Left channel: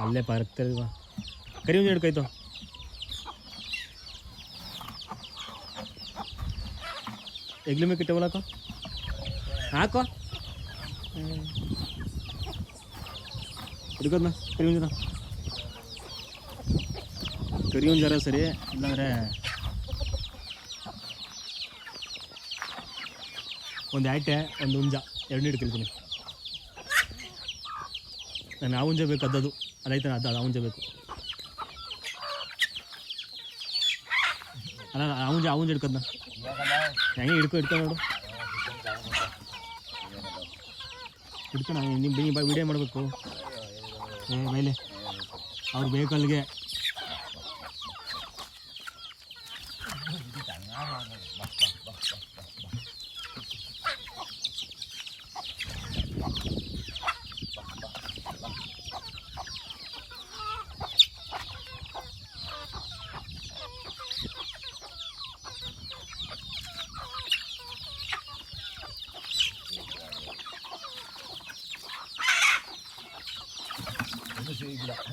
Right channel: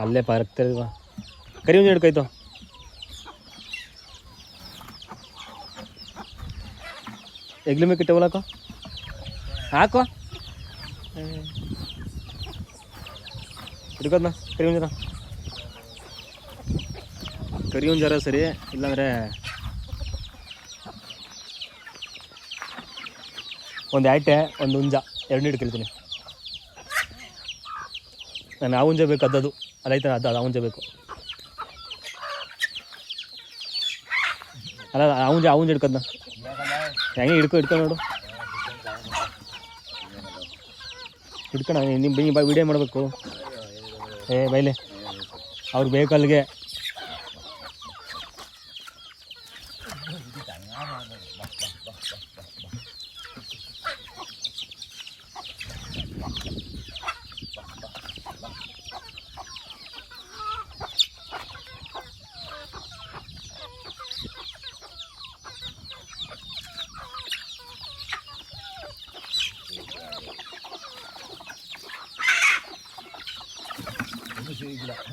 ಅಲ್ಲೇ ಪಾರ್ಕ್ತಿಲ್ವಾ ಕರಿ ಒಂದು ಹಿಡ್ಕೈತು ಎಗ್ಲಿ ಮೇಕೆ ಕಿಟ್ಟವಲ್ಲ ಹಾಕೋ ಹಾಕೋ. ಹಿಡ್ಕೋದ್ನ ಕರಿ ಒಂದು ಕರಿ ಒಂದು ಜರ ಸರಿ, ಇಲ್ಲಾಂದ್ರೆ ಒಂದು ಆಯ್ಟೆ ಒಂದು ಹುಂಜ ಎರಡು ಹಿಡ್ಕೊಳ್ತೀನಿ. ನಾನು ಯಾವಂಜೆ ಬೇಕು ಅದ್ದದು. ಅದೈತೆ ಅದು ಅದು ಅವಂಜೆ ಬೇಕು. ಅಲ್ಲ ಅವಂಜೆ ಅವಂಜೆ ಹಿಡ್ಕದ್ನ. ಹೆಂಗೆ ಹಿಡ್ಕೊ ಹಿಡ್ಕೊ ನೋಡು. ಹಿಡ್ಕೊಣ ನಿಮ್ಮ ಬೈ ವಿಡಿಯೋ ಮಾಡಬೇಕು. ಏ, ಬೈಲೆ. ಅವ್ರು ಬೇಕು ಅಲ್ಲಿಗೆ பிடிச்சிருக்கலாம்